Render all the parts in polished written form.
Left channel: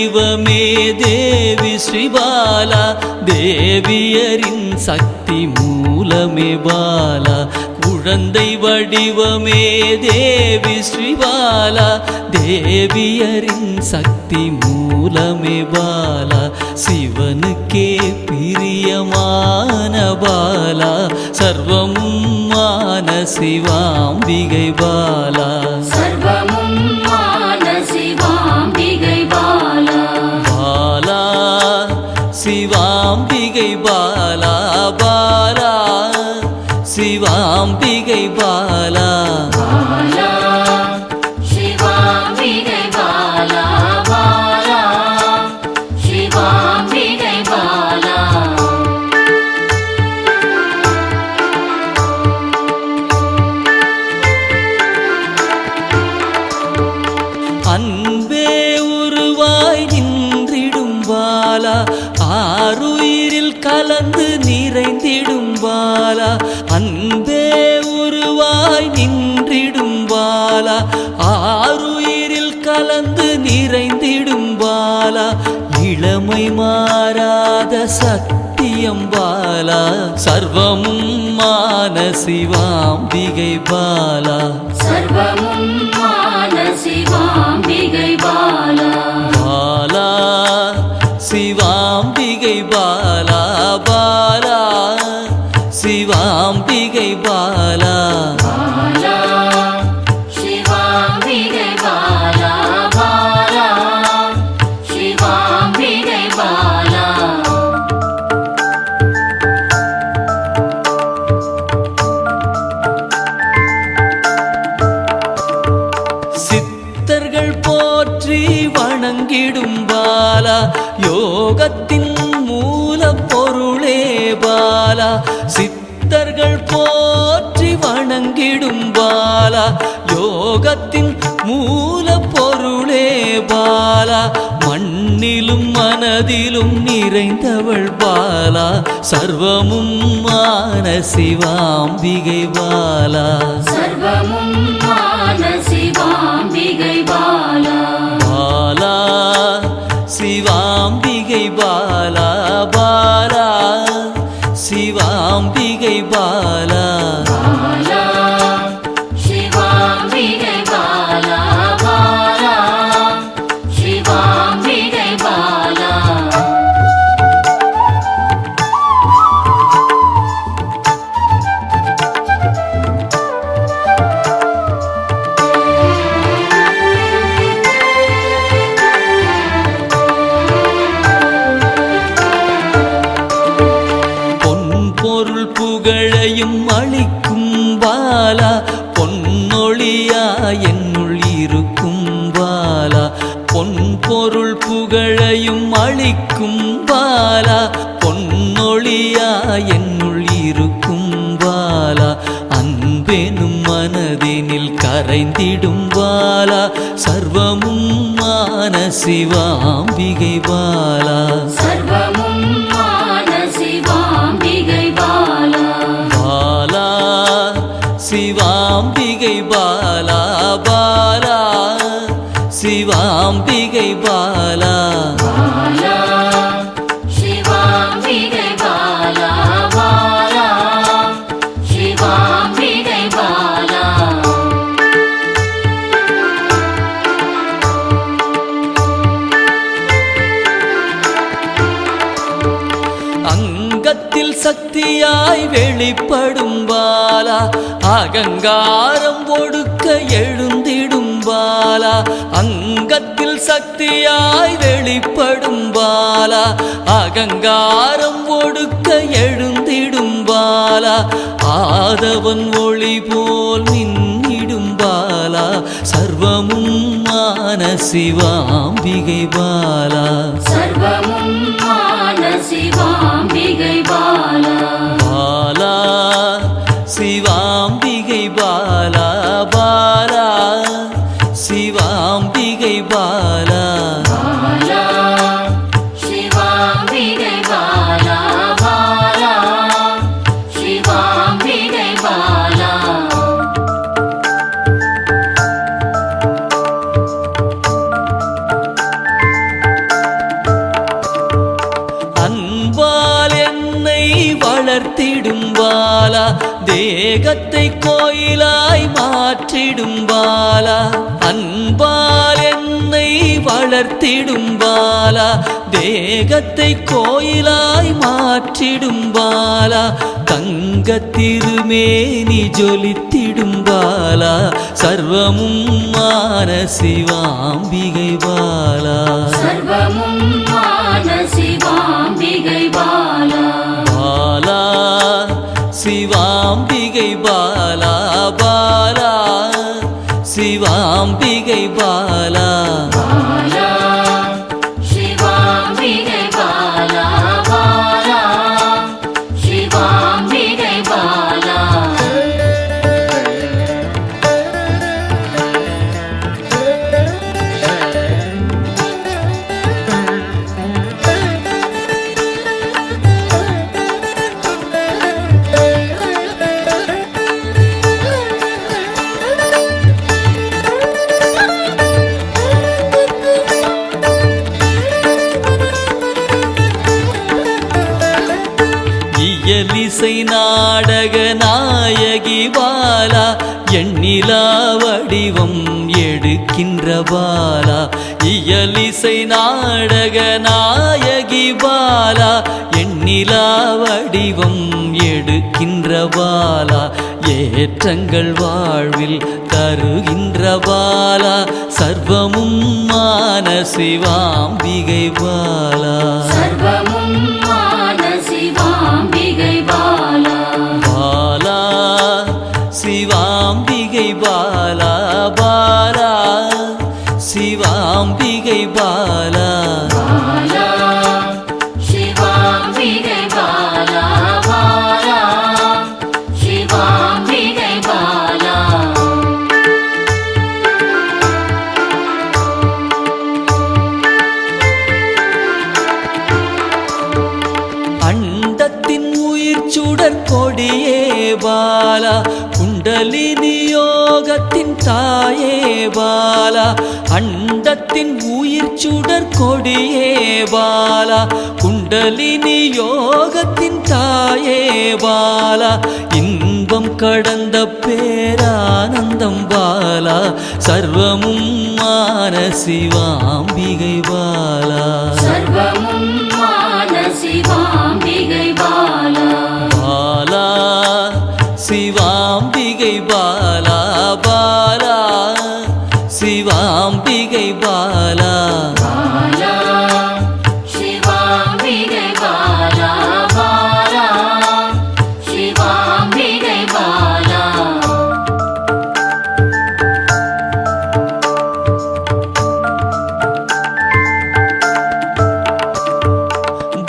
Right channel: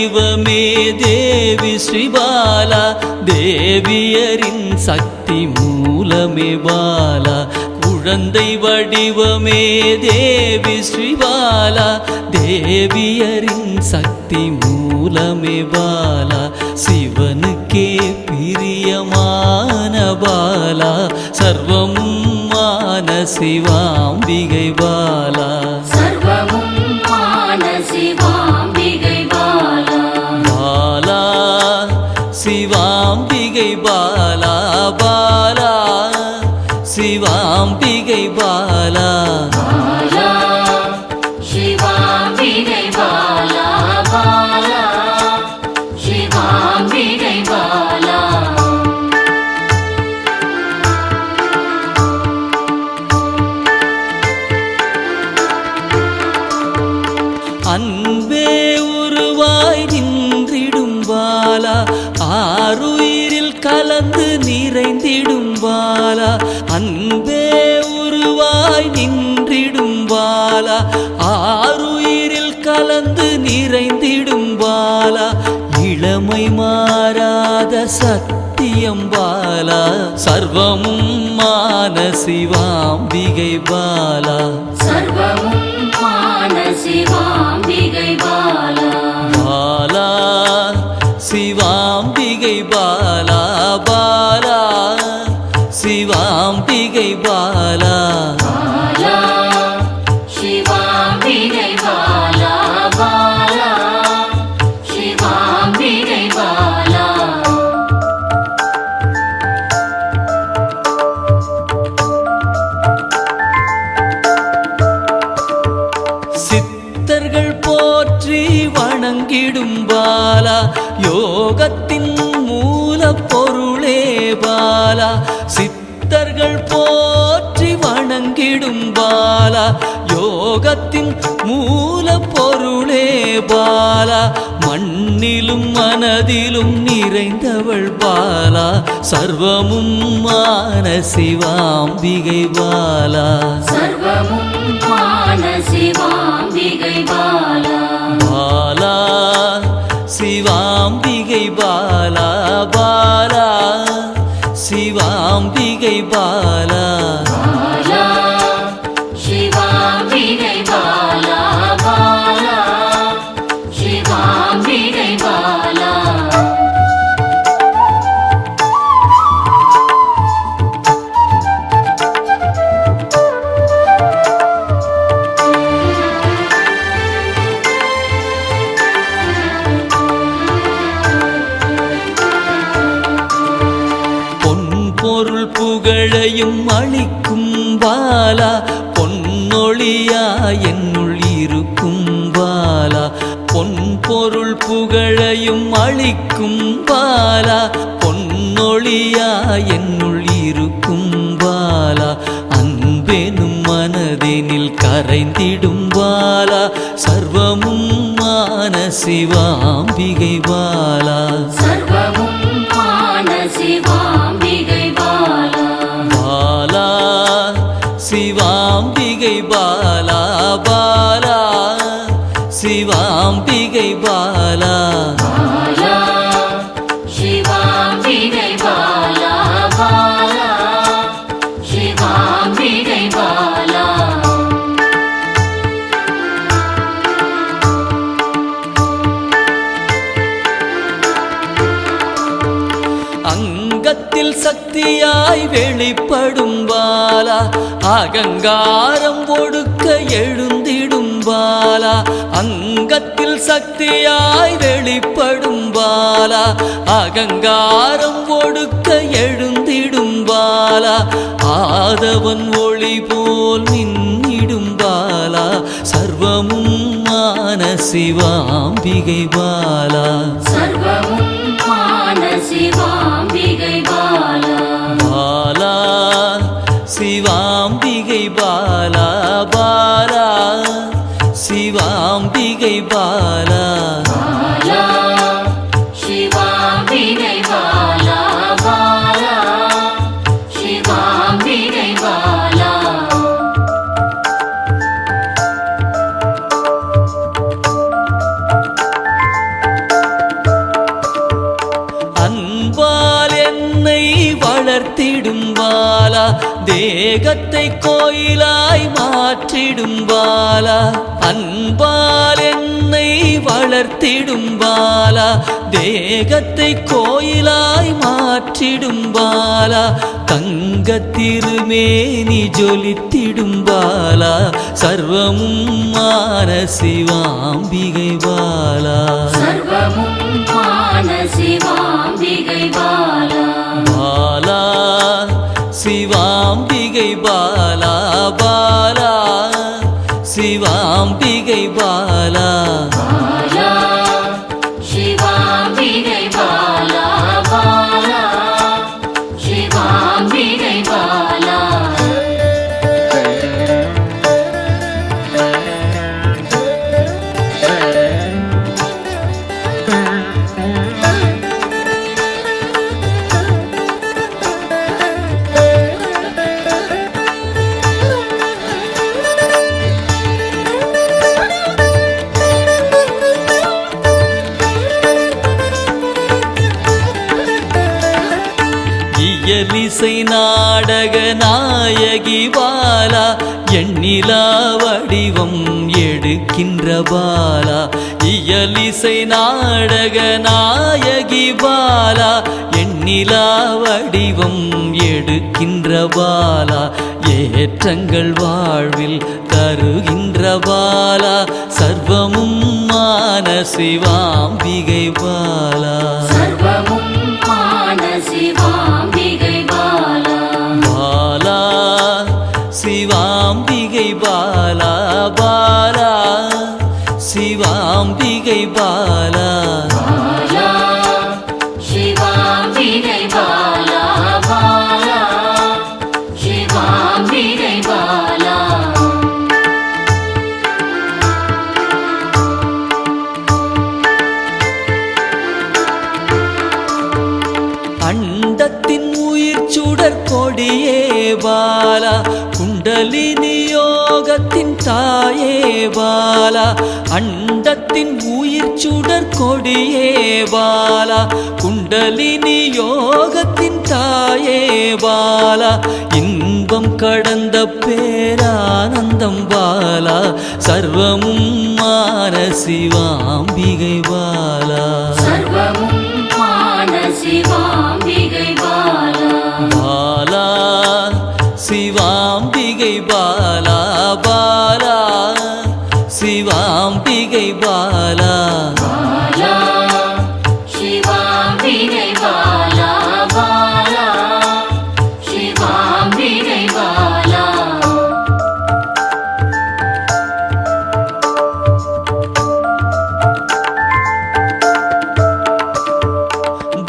வடிவமே தேவி ஸ்ரீபாலா, தேவியரின் சக்தி மூலமே பாலா. குழந்தை வடிவமே தேவி ஸ்ரீபாலா, தேவியரின் சக்தி மூலமே பாலா. சிவனுக்கே பிரியமான பாலா, சர்வமும் மான சிவாம்பிகை பாலா. பாலா சிவாம்பிகை பாலா, பாலா சிவாம்பிகை பாலா. அன்பே உருவாய் நின்றிடும் பாலா, ஆருயிரில் கலந்து நிறைந்திடும் பாலா. அன்பே உருவாய் நின்றிடும் பாலா, ஆருயிரில் கலந்து நிறைந்திடும் பாலா. இளமை மாறாத சத்தியம் பாலா, சர்வமும் மான சிவாம்பிகை பாலா. பாலா சிவாம்பிகை பாலா, பாலா சிவாம்பிகை பாலா. சித்தர்கள் போற்றி வணங்கிடும் பாலா, யோகத்தின் மூல பொருளே பாலா. சித்தர்கள் போற்றி வணங்கிடும் பாலா, யோகத்தின் மூல பொருளே பாலா. மண்ணிலும் மனதிலும் நிறைந்தவள் பாலா, சர்வமும் மான சிவாம்பிகை பாலா. பாலா சிவாம்பிகை பாலா, பாலா சிவாம்பிகை பாலா. பொருள் புகழையும் அளிக்கும் பாலா, பொன்னொழியா என்னுள் இருக்கும் பாலா. பொன் பொருள் புகழையும் அளிக்கும் பாலா, பொன்னொழியா என்னுள் இருக்கும் பாலா. அன்பெனும் மனதினில் கரைந்திடும் பாலா, சர்வமும் மான சிவாம்பிகை பாலா. பாலா சிவாம்பிகை பாலா, பாலா சிவாம்பிகை பாலா. அங்கத்தில் சக்தியாய் வெளிப்படும் பாலா, அகங்காரம் ஒடுக்க எழுந்திடும் பாலா. அங்கத்தில் சக்தியாய் வெளிப்படும் பாலா, அகங்காரம் ஒடுக்க எழுந்திடும் பாலா. ஆதவன் ஒளி போல் மின்னிடும் பாலா, சர்வமும் மான சிவாம்பிகை பாலா. பாலா சிவாம்பிகை பாலா, பாலா சிவாம்பிகை பாலா. வளர்த்திடும் பாலா தேகத்தை கோயிலாய் மாற்றிடும் பாலா அன்பால் என்னை வளர்த்திடும் பாலா தேகத்தை கோயிலாய் மாற்றிடும் பாலா தங்க திருமேனி ஜொலித்திடும் பாலா சர்வமும் மான சிவாம்பிகை பாலா பாலா சிவாம்பிகை பாலா பாலா சிவாம்பிகை பாலா இயலிசை நாடக நாயகி பாலா எண்ணிலா வடிவம் எடுக்கின்ற பாலா இயலிசை நாடக நாயகி பாலா எண்ணிலா வடிவம் எடுக்கின்ற பாலா ஏற்றங்கள் வாழ்வில் தருகின்ற பாலா சர்வமும் மான சிவாம்பிகை பாலா பாலா சிவாம்பிகை பாலா பாலா சிவாம்பிகை பாலா அண்டத்தின் உயிர் சுடர் கொடியே பாலா குண்டலினி யோகத்தின் தாயே பாலா அண்டத்தின் உயிர் சுடர் கொடியே பாலா குண்டலினி யோகத்தின் தாயே பாலா இன்பம் கடந்த பேரானந்தம் பாலா சர்வமும் மான சிவாம்பிகை பாலா பாலா சிவாம்பிகை பாலா பாலா சிவாம்பிகை பாலா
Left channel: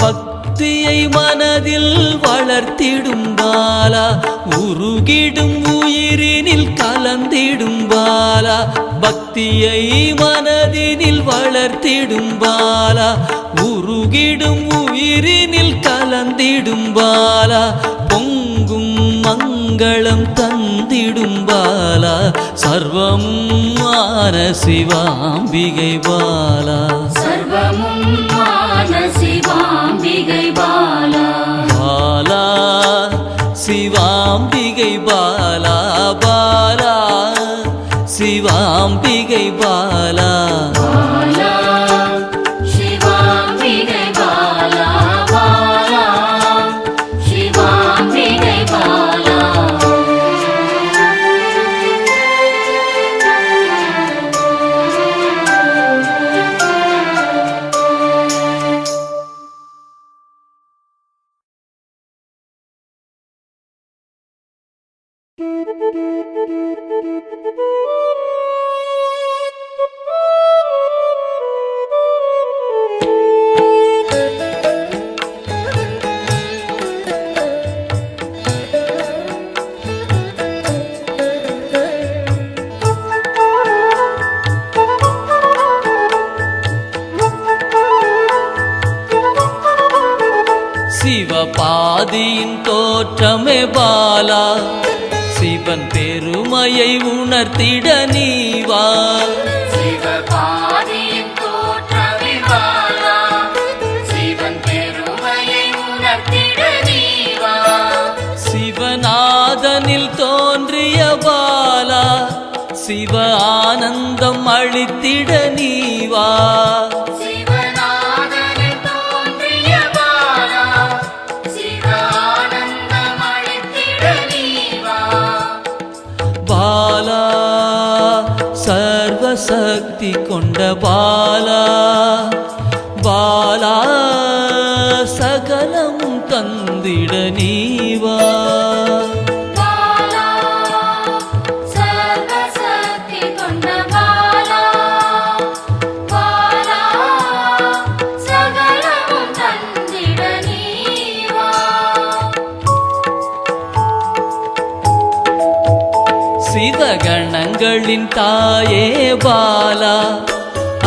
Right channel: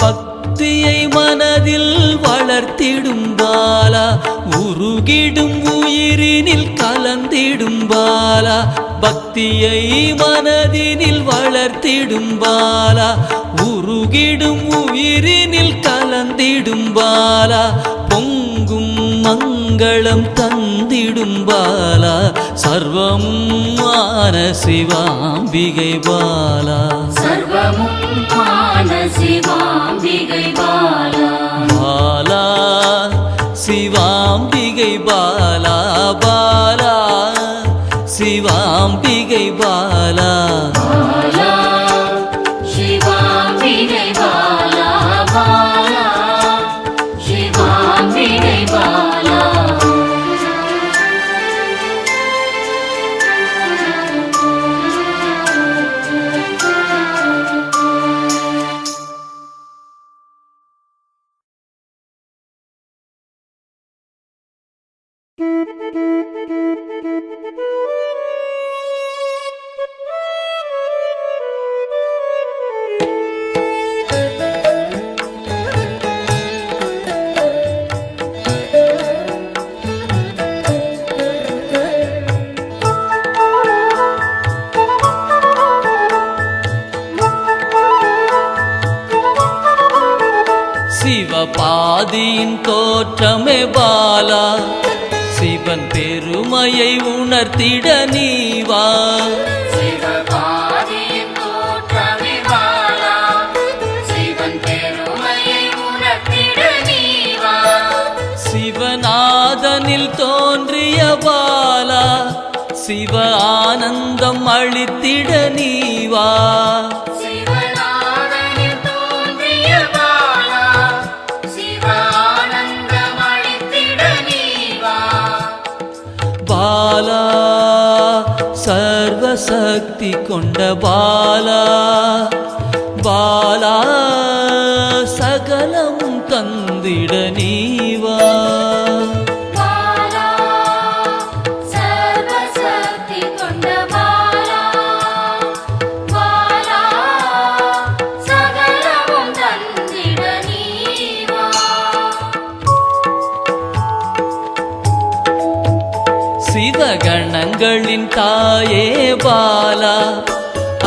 பக்தியை மனதில் வளர்த்திடும் பாலா உருகிடும் உயிரினில் கலந்திடும் பாலா பக்தியை மனதினில் வளர்த்திடும் பாலா உருகிடும் உயிரினில் கலந்திடும் பாலா பொங்கும் மங்களம் தந்திடும் பாலா சர்வமும் மான சிவாம்பிகை பாலா பாலா சிவாம்பிகை பாலா பாலா சிவாம்பிகை பாலா சிவபாதியின் தோற்றமே பாலா சிவன் பெருமையை உணர்த்திட நீவா சிவநாதனில் தோன்றிய பாலா, சிவ ஆனந்தம் அளித்திட நீவா. பாலா சர்வசக்தி கொண்ட பாலா, பாலா சகலம் தந்திட நீவா. சிவகணங்களின் தாயே பாலா,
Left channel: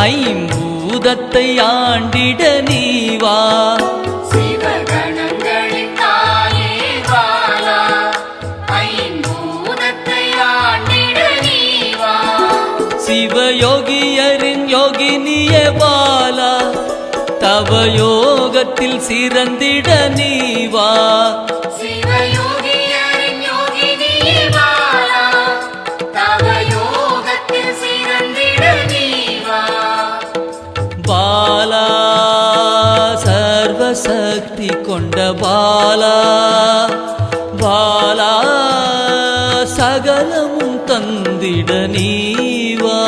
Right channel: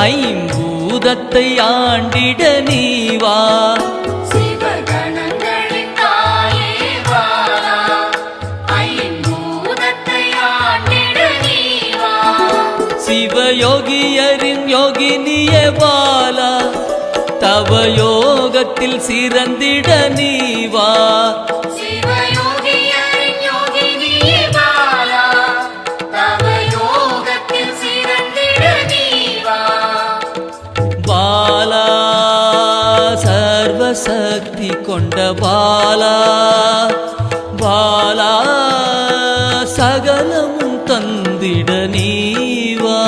ஐம்பூதத்தை ஆண்டிட நீவா. சிவயோகியரின் யோகினியே பாலா, தவ யோகத்தில் சிறந்திட நீவா. பாலா சர்வசக்தி கொண்ட பாலா, பாலா சகலமும் தந்திட நீவா.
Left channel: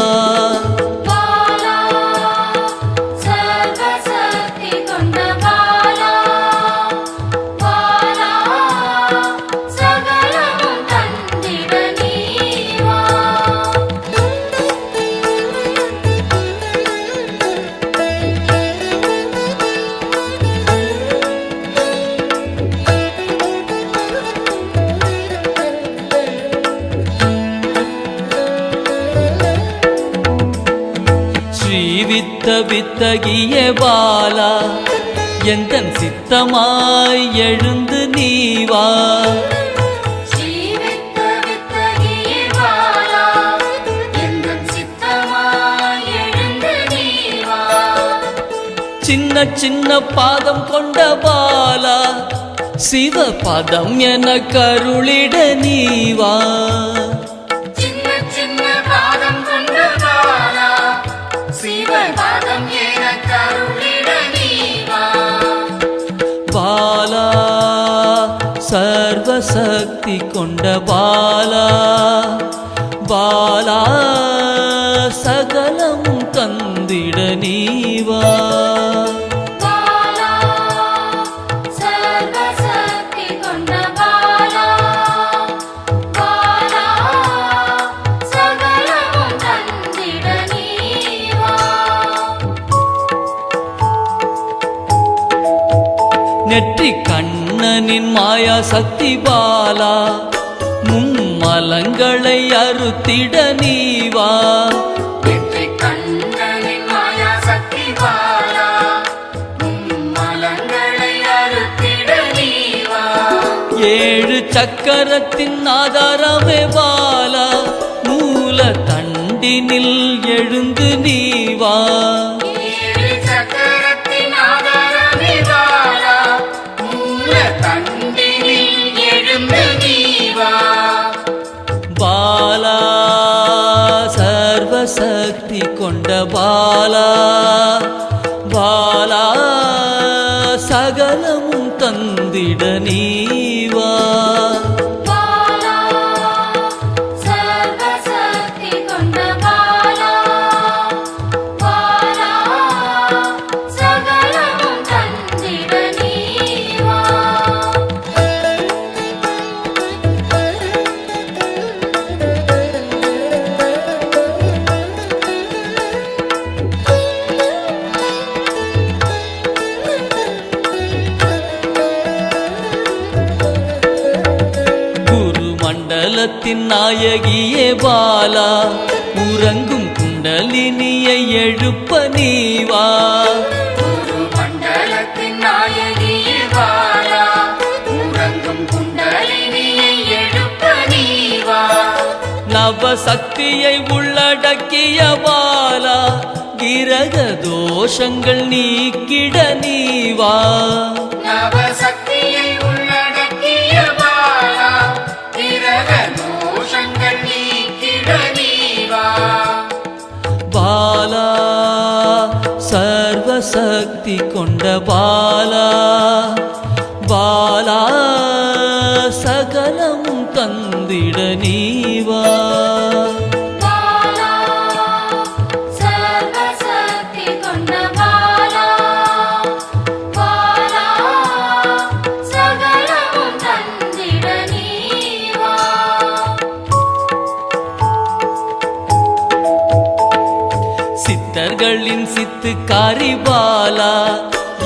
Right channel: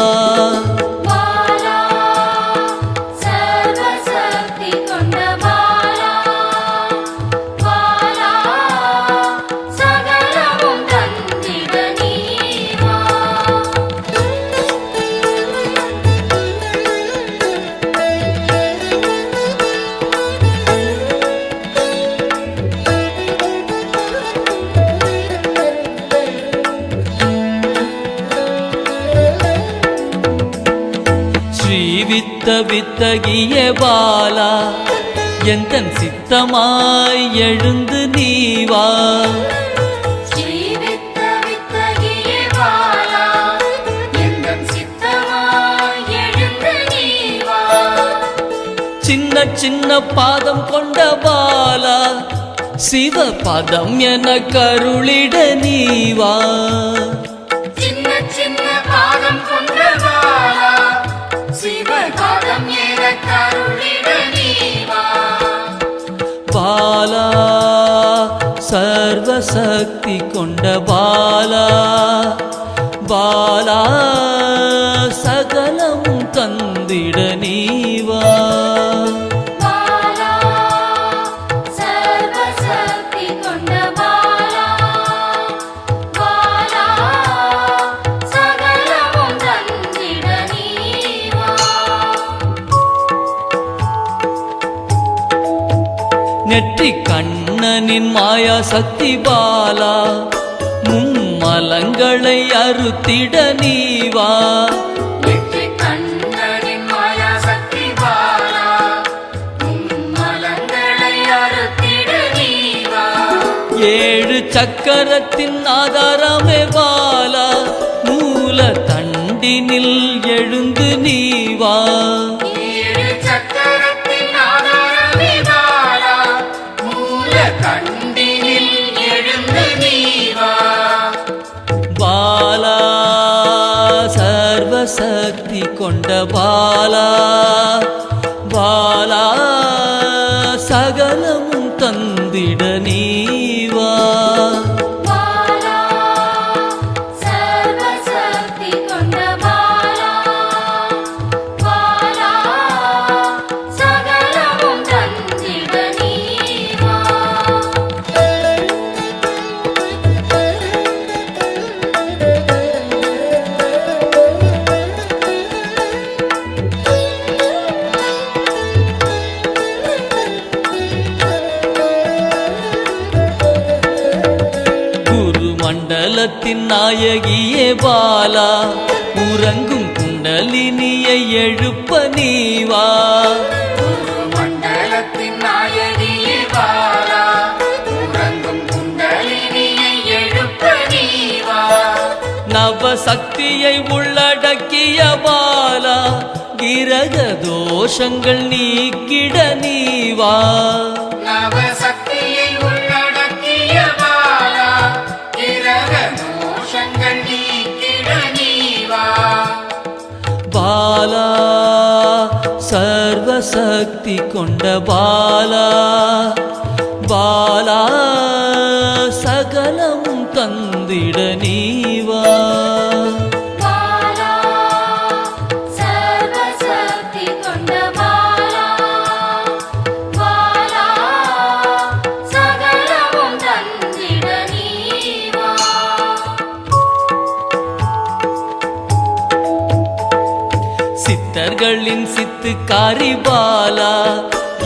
ஸ்ரீவித்த வித்தகிய பாலா, எந்தன் சித்தமாய் எழுந்து நீவா. சின்ன சின்ன பாதம் கொண்ட பாலா, சிவ பதம் என கருளிட நீவா. பாலா சர்வசக்தி கொண்ட பாலா, பாலா சகலம் தந்திட நீவா. நெற்றி கண்ணனின் மாயா சக்தி பாலா, மும்மலங்களை அறுத்திட நீவா. ஏழு சக்கரத்தின் ஆதாரமே பாலா, மூல தண்டினில் எழுந்து நீவா. பாலா சர்வசக்தி கொண்ட பாலா, பாலா சகலமும் தந்திட நீவா. மண்டலத்தின் நாயகியே பாலா, உறங்கும் குண்டலினியை எழுப்ப நீவா. நவசக்தியை உள்ளடக்கிய பாலா, கிரக தோஷங்கள் நீக்கிட நீவா. நவசக்தியை உள்ளடக்கிய பாலா, பாலா சர்வசக்தி கொண்ட பாலா பாலா சகலமும் தந்திட நீவா சித்தர்களின் சித்துக்காரி பாலா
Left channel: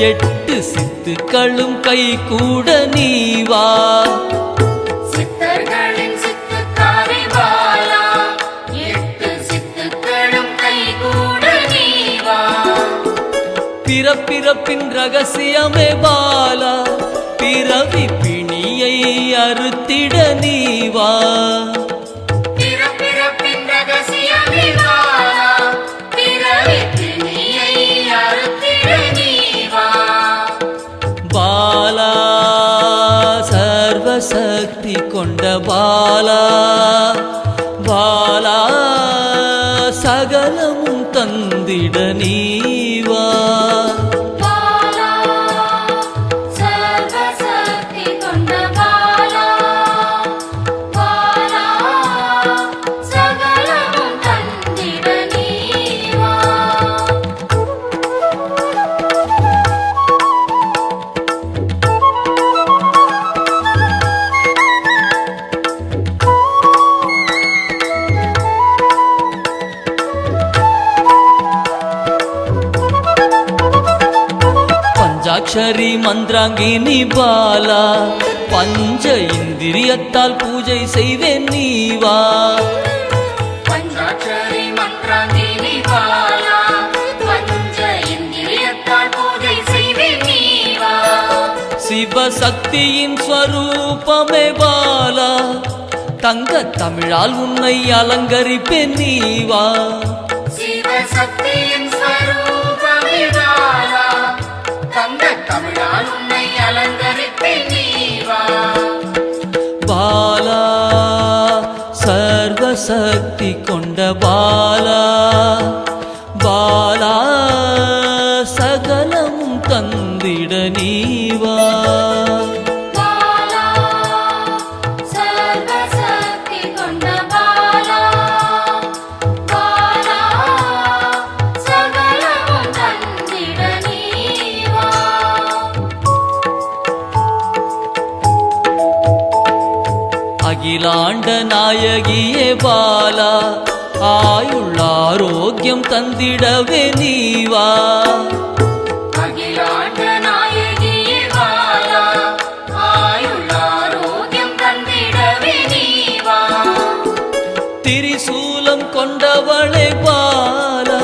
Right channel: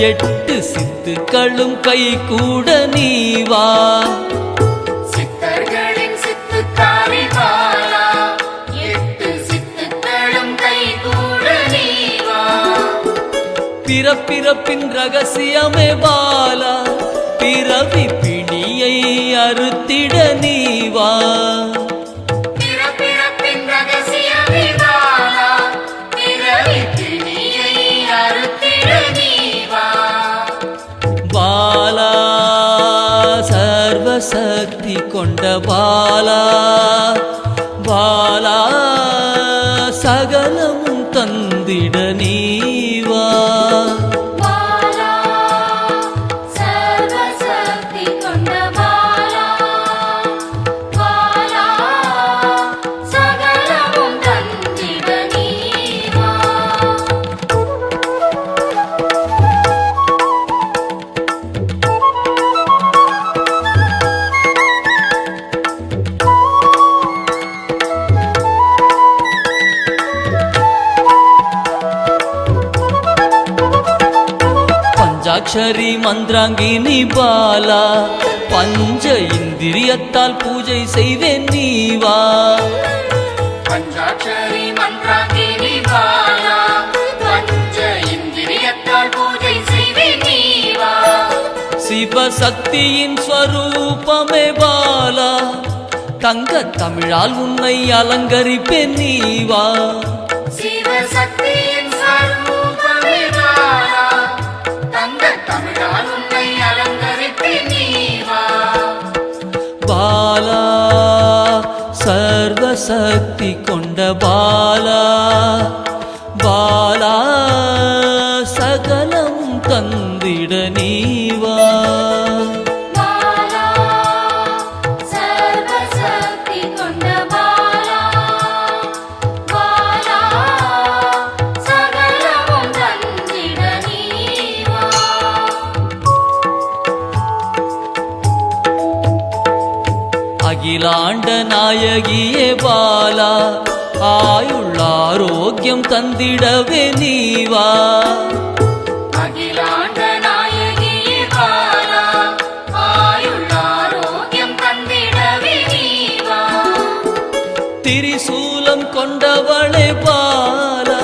8 சித்துக்களும் கை கூட நீவா சித்தர்களின் சித்துக்காரி பாலா 8 சித்துக்களும் கை கூட நீவா பிறப்பிறப்பின் ரகசியமே பாலா பிறவி பிணியை அறுத்திட நீவா பாலா சர்வசக்தி கொண்ட பாலா பாலா சகலமும் தந்திட நீவா பஞ்சாட்சரி மந்திராங்கினி பாலா பஞ்ச இந்திரியத்தால் பூஜை செய்வேன் நீவா பஞ்சாட்சரி மந்திராங்கினி பாலா பஞ்ச இந்திரியத்தால் பூஜை செய்வேன் நீவா சிவசக்தியின் ஸ்வரூபமே பாலா தங்க தமிழால் உன்னை அலங்கரிப்பேன் நீவா பாலா சர்வசக்தி கொண்ட பாலா பாலா சகலமும் தந்திட நீவா அகிலாண்ட நாயகியே பாலா ஆயுள் ஆரோக்கியம் தந்திடவே நீவா அகிலாண்ட நாயகியே பாலா ஆயுள் ஆரோக்கியம் தந்திடவே நீவா திரிசூலம் கொண்டவளே பாலா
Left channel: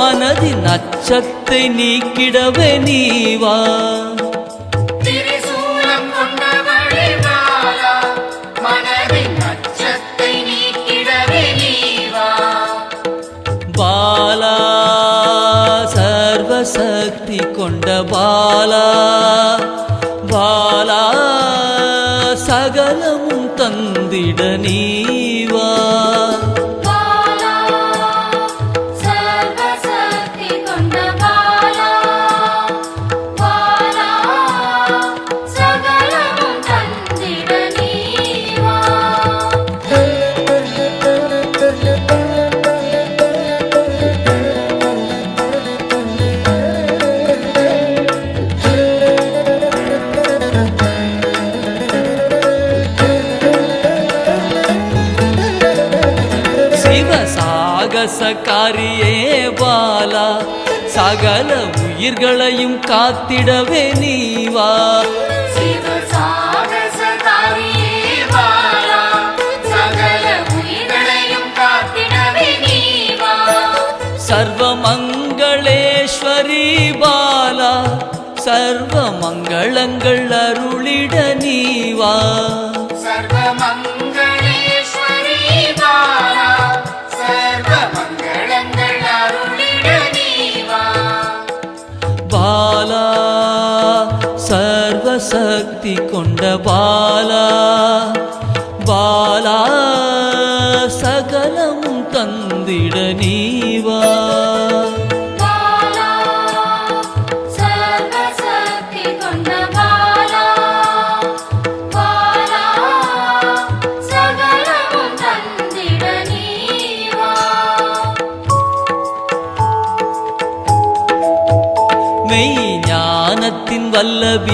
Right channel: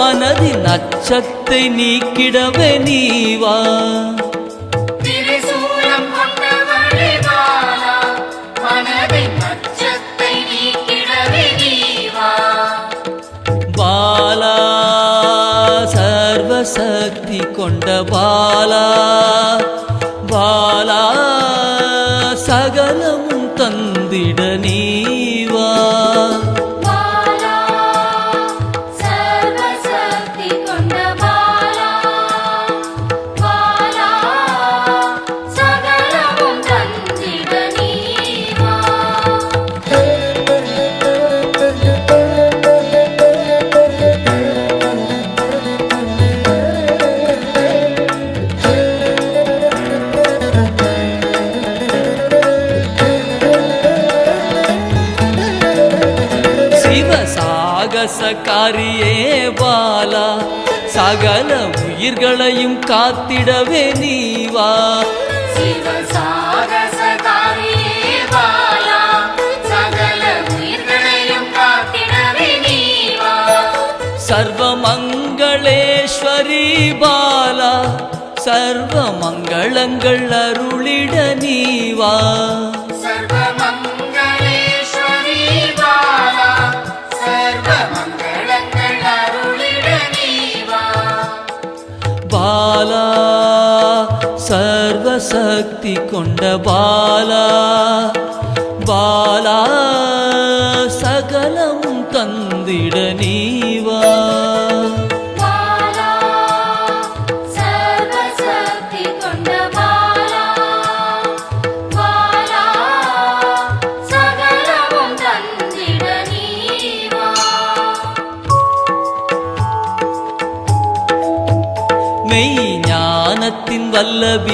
மனதின் அச்சத்தை நீக்கிடவே நீவா பாலா சர்வசக்தி கொண்ட பாலா பாலா சகலமும் தந்திட நீவா சாகசக்காரியே பாலா சகல உயிர்களையும் காத்திடவே நீவா சர்வமங்களேஸ்வரி பாலா சர்வ மங்களங்கள் அருளிட நீவா பாலா சர்வசக்தி கொண்ட பாலா பாலா சகலமும் தந்திட நீவா பாலா சர்வசக்தி கொண்ட பாலா பாலா சகலமும் தந்திட நீவா மெய் ஞானத்தின் வல்லபி